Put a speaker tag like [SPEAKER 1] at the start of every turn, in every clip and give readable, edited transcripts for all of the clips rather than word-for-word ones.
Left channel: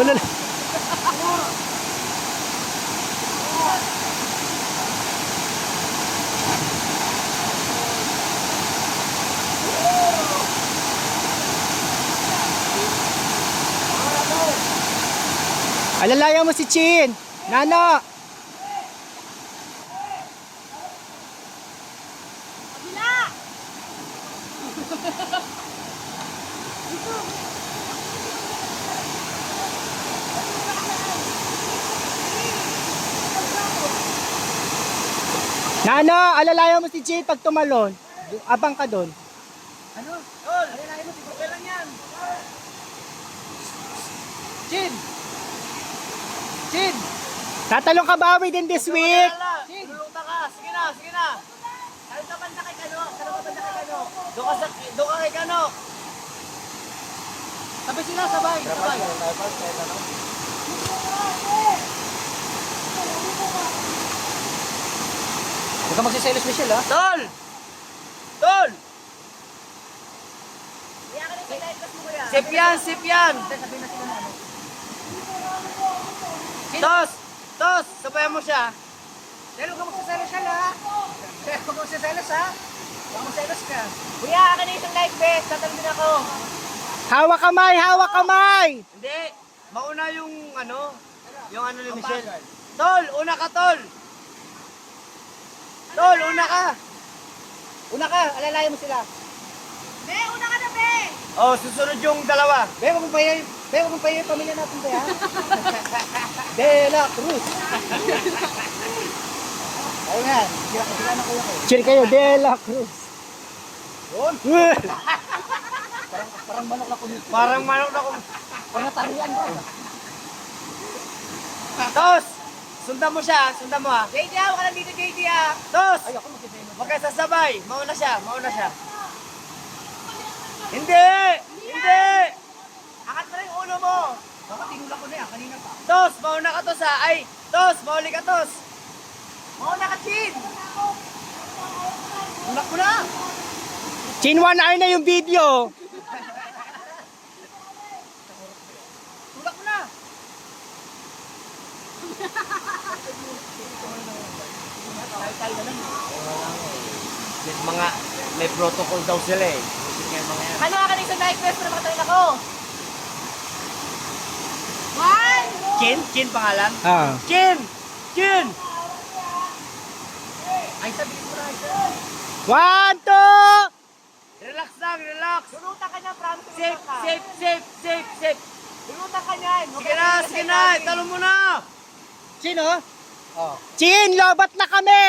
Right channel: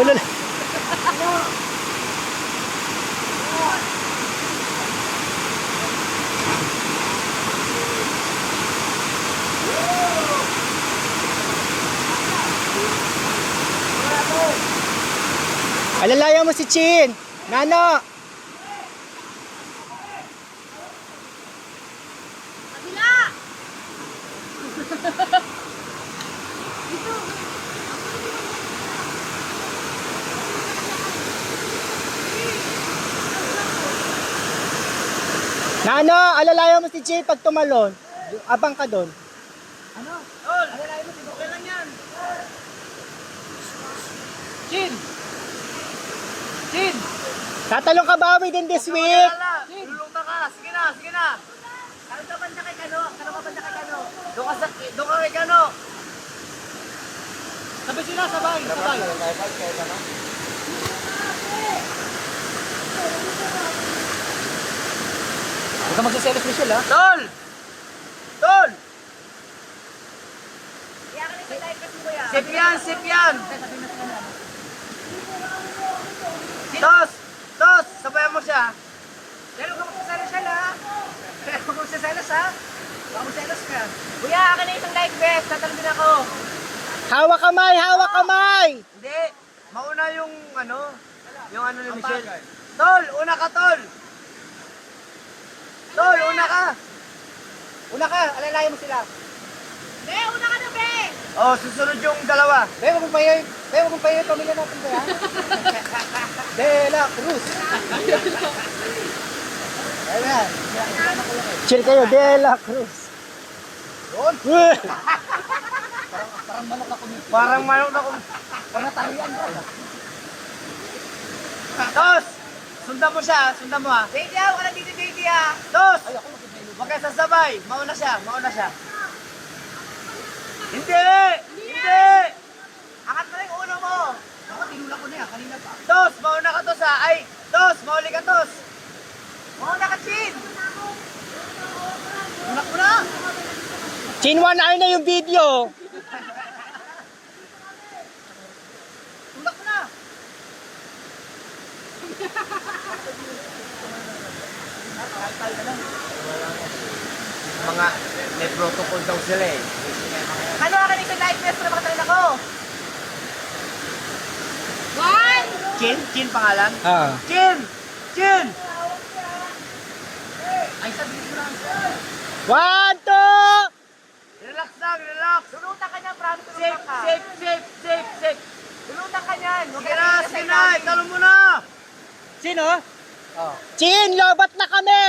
[SPEAKER 1] Alala. Alalayan mo si Chin. Nano. Nano, alalayan mo si Chin pag tumalon. Abang ka doon.
[SPEAKER 2] Ano? Tol! Alalayan mo, okay lang yan. Chin! Chin!
[SPEAKER 1] Tatalong ka ba within this week?
[SPEAKER 2] Chin! Tulungan ka! Sige na, sige na! Saan ka banda kay Kano? Saan ka banda kay Kano? Doon ka kay Kano! Sabay sila, sabay! Sabay!
[SPEAKER 1] Huwag ka magsiselos, Michelle, ha?
[SPEAKER 2] Tol! Tol! Sip yan, sip yan! Tos! Tos! Sabayan mo siya!
[SPEAKER 3] Pero huwag ka magsasalas siya, ha? Pero huwag ka magsasalas, ha? Huwag ka magsasalas ka.
[SPEAKER 2] Kuya, akin na isang life vest! Tatalagin ako!
[SPEAKER 1] Hawak kamay, hawak kamay!
[SPEAKER 2] Hindi! Mauna yung ano ni Michelle. Tol! Una ka, Tol! Tol, una ka!
[SPEAKER 3] Una ka, alalayan mo sila.
[SPEAKER 4] Be, una ka na, be!
[SPEAKER 2] Oh, susunod yung dalawa.
[SPEAKER 3] Pero huwag mong pahiya yung pamilya natin ba, ha? De La Cruz. Ayan.
[SPEAKER 1] Chill kayo, De La Cruz.
[SPEAKER 3] Yun. Parang manok na kumita.
[SPEAKER 2] Parang manok na kung...
[SPEAKER 3] Parang natarian ba?
[SPEAKER 2] Tos! Sundan mo siya, sundan mo ha.
[SPEAKER 3] JD, huwag ka lang dito, JD, ha?
[SPEAKER 2] Tos! Huwag kayo sasabay. Mauna siya, mauna siya. Hindi! Hindi!
[SPEAKER 3] Angat mo lang yung ulo mo. Ako, tinulak ko niya, kanina pa.
[SPEAKER 2] Tos, mauna ka, Tos ha. Ay, Tos, mauli ka, Tos.
[SPEAKER 3] Mauna ka, Chin. Tulak ko na.
[SPEAKER 1] Chin, one eye na yung video.
[SPEAKER 3] Tulak ko na.
[SPEAKER 2] Mga, may protocol daw sila eh.
[SPEAKER 3] Ano akin isang life vest para makatalin ako?
[SPEAKER 4] One!
[SPEAKER 2] Chin? Chin pangalan?
[SPEAKER 1] Ah.
[SPEAKER 2] Chin! Chin!
[SPEAKER 3] Ay, sabi ko na.
[SPEAKER 1] 1, 2!
[SPEAKER 2] Relax lang, relax.
[SPEAKER 3] Lulutan ka niya, promise
[SPEAKER 2] Safe,
[SPEAKER 3] lulutan ka.
[SPEAKER 2] safe, safe, safe, safe.
[SPEAKER 3] Lulutan ka niyan.
[SPEAKER 2] Sige na, sige na. Italong mo na.
[SPEAKER 1] Chin, oh.
[SPEAKER 2] Oh.
[SPEAKER 1] Chin, lobat na kami!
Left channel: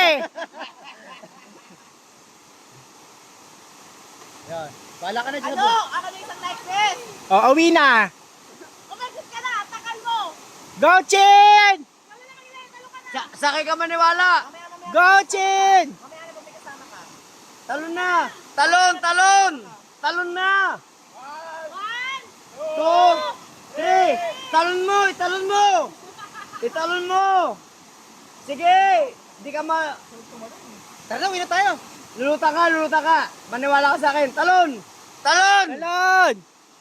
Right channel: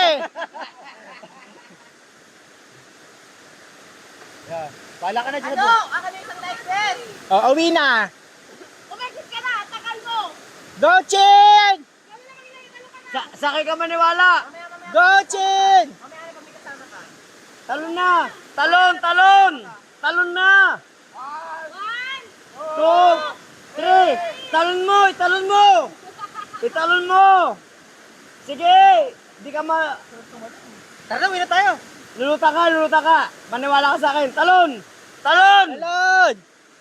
[SPEAKER 3] Yan. Bala ka na dyan.
[SPEAKER 4] Ano? Ako na isang life vest!
[SPEAKER 1] O, awi na.
[SPEAKER 4] Umexit ka na! Takal mo!
[SPEAKER 1] Go, Chin!
[SPEAKER 4] Kami na kanila, talo ka na!
[SPEAKER 2] Sakay ka maniwala.
[SPEAKER 1] Go, Chin!
[SPEAKER 3] Mamaya na may kasama ka.
[SPEAKER 2] Talon na. Talon, talon. Talon na.
[SPEAKER 4] One!
[SPEAKER 2] 2, 3. Talon mo, italon mo. Italon mo. Sige. Di ka ma...
[SPEAKER 3] Tara, uwi na tayo.
[SPEAKER 2] Luluta ka, luluta ka. Maniwala ka sa akin. Talon. Talon.
[SPEAKER 1] Talon!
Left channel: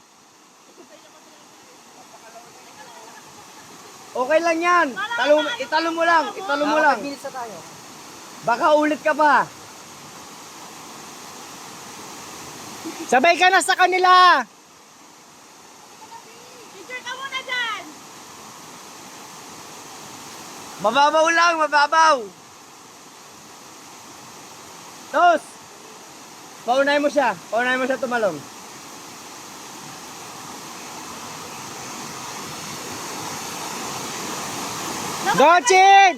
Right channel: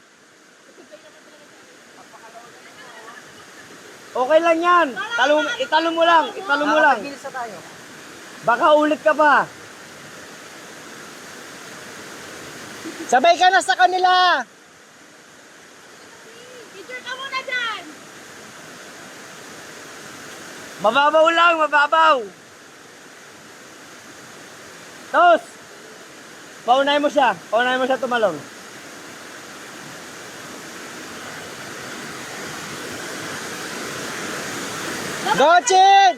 [SPEAKER 2] Okay lang yan. Italon mo lang. Italon mo lang.
[SPEAKER 3] Bilis na tayo.
[SPEAKER 2] Baka ulit ka pa.
[SPEAKER 1] Sabay ka na sa kanila!
[SPEAKER 4] Picture ka muna dyan!
[SPEAKER 2] Mababaw lang, mababaw. Tos. Paunahin mo siya. Paunahin mo siya tumalon.
[SPEAKER 1] Go, Chin!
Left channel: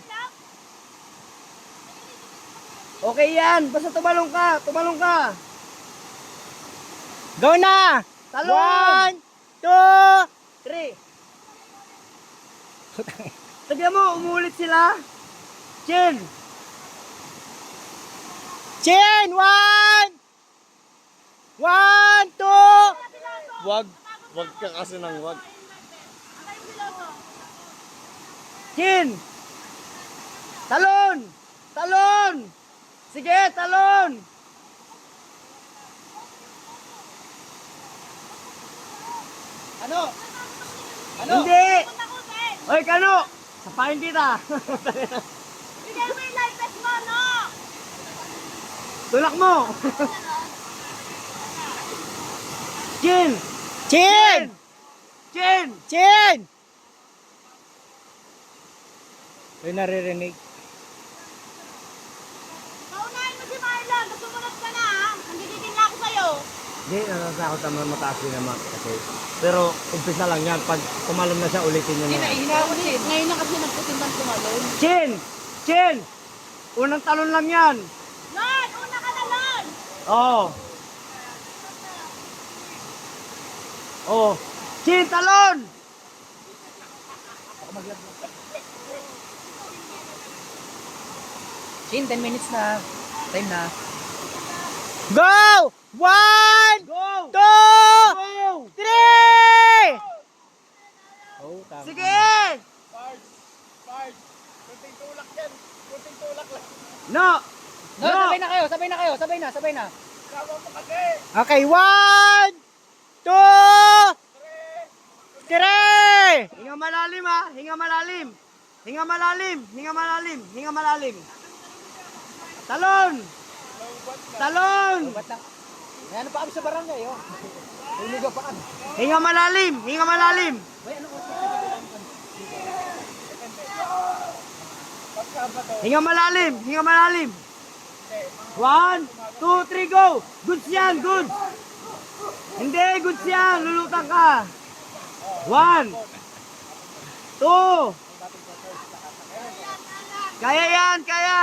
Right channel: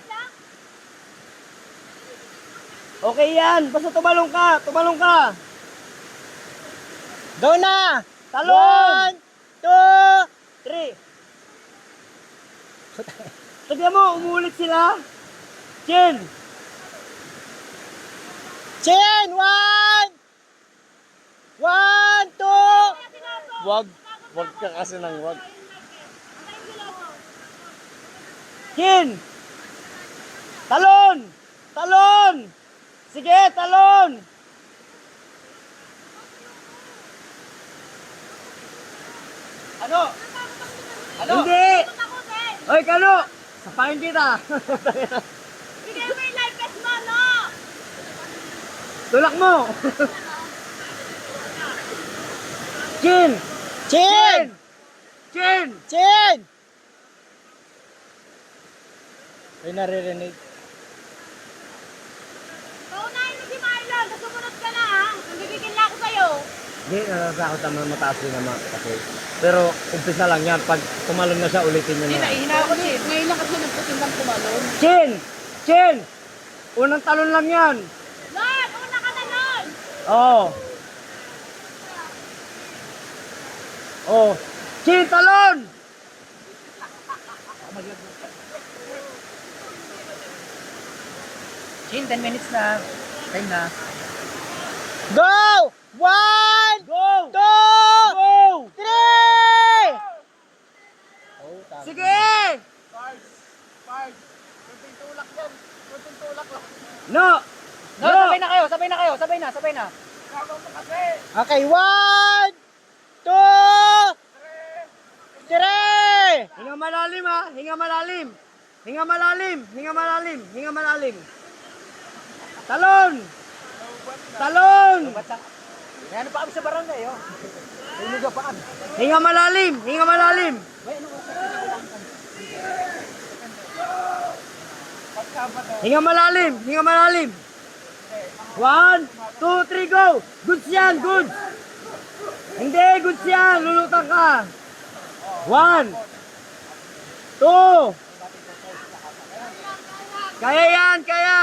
[SPEAKER 2] Okay yan. Basta tumalong ka. Tumalong ka.
[SPEAKER 1] Go na!
[SPEAKER 2] Talon.
[SPEAKER 1] 1, 2...
[SPEAKER 2] 3. Sabihan mo, umuulit sila. Chin.
[SPEAKER 1] Chin! 1! 1, 2...
[SPEAKER 2] Wag. Wag ka kasi ng wag.
[SPEAKER 4] Ang tayo niloto.
[SPEAKER 2] Chin. Talon. Talon. Sige, talon.
[SPEAKER 3] Ano?
[SPEAKER 2] Hindi!
[SPEAKER 4] Takutin.
[SPEAKER 2] Oy, Kano! Sapakin kita!
[SPEAKER 4] Bigay mo yung life vest mo, no?
[SPEAKER 2] Tulak mo! Chin!
[SPEAKER 1] Chin!
[SPEAKER 2] Chin!
[SPEAKER 1] Chin! Ay, naririnig.
[SPEAKER 4] Paunahin mo si Marlon. Sumunod ka na, ha? Nagigigil na ako sa'yo.
[SPEAKER 2] Hindi, natatakot naman mataas din naman kasi. Pero umpisa lang yan. Pag tumalon na siya, ulitin niya na yan.
[SPEAKER 3] Ngayon na kasi nagpatindang tumalon.
[SPEAKER 2] Chin! Chin! Unang talon lang yan.
[SPEAKER 4] Lon, una ka na, Lon.
[SPEAKER 2] Oo. Oh. Chin, talon!
[SPEAKER 3] Chin, 10 minutes na. Time na.
[SPEAKER 1] Go! 1,
[SPEAKER 2] Go!
[SPEAKER 1] 2,
[SPEAKER 2] Go!
[SPEAKER 1] 3! Oh, tama.
[SPEAKER 2] Sige! No!
[SPEAKER 3] No, sabay na kayo, sabay na kayo, sabay na.
[SPEAKER 1] Okay, 1, 2, 3!
[SPEAKER 2] Hinga malalim ha! Hinga malalim! Hinga malalim! Hinga malalim! Hinga malalim! Talon! Talon!
[SPEAKER 3] May ano pa kami sa barangay, oh. May pa kami.
[SPEAKER 2] Hinga malalim! Hinga malalim! Hinga malalim! Hinga malalim! 1, 2, 3, go! Goods yan! Goods! Hindi! Goods yan! Lulutang ka! 1, 2, kaya yan! Kaya!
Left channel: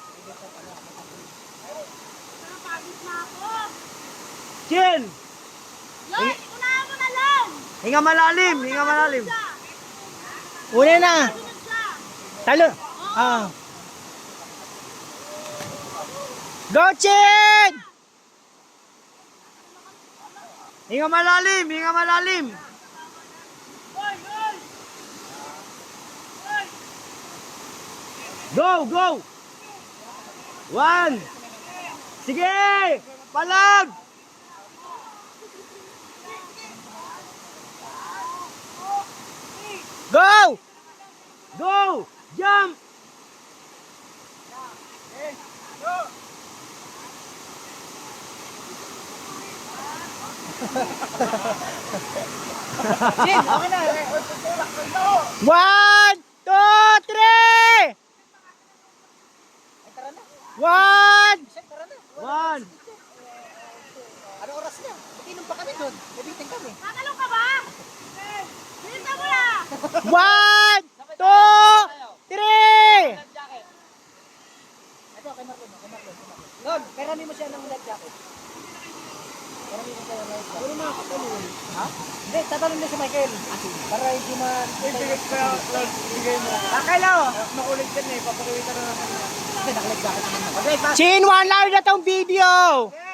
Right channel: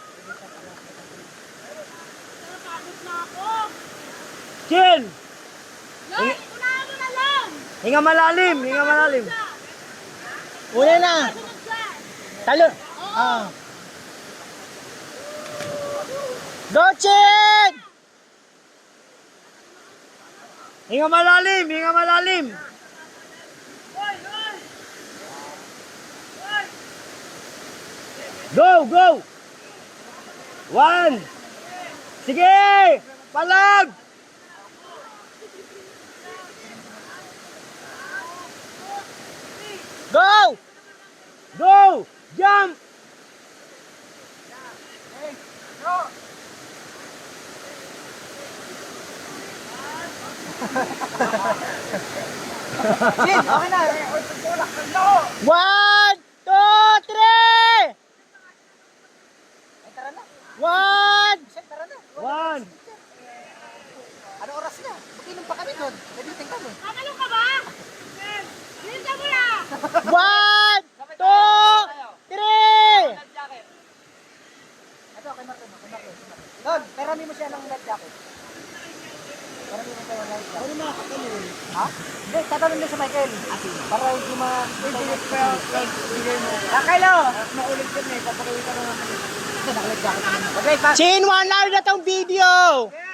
[SPEAKER 4] Napagod na ako.
[SPEAKER 2] Chin!
[SPEAKER 4] Lon, unahan mo na, Lon.
[SPEAKER 2] Hinga malalim! Hinga malalim!
[SPEAKER 1] Una na.
[SPEAKER 4] Sunod siya.
[SPEAKER 1] Talo. Ah. Go, Chin!
[SPEAKER 2] Hinga malalim! Hinga malalim! Go! Go! 1! Sige! Palag!
[SPEAKER 1] Go!
[SPEAKER 2] Go! Jump!
[SPEAKER 3] Chin, okay na.
[SPEAKER 1] 1, 2, 3!
[SPEAKER 3] Ay, tara na.
[SPEAKER 1] 1!
[SPEAKER 3] Chin, tara na.
[SPEAKER 2] 1!
[SPEAKER 3] Ano oras na? Mag-inom pa kami doon. May meeting kami.
[SPEAKER 4] Tatalong ka ba? Bilisan mo na.
[SPEAKER 1] 1, 2, 3!
[SPEAKER 3] Ito, kay Marlon. Lon, perami mo siya ng life jacket. Perami mo siya ng life jacket. Ano makakatulong? Ha? Hindi, tatanong niya sa Michael. Para hindi ma... Kakalo! Naulit din eh. Papakita na naman. Hindi, naka-life jacket naman. Okay,
[SPEAKER 1] Chin, 1 live na tong video!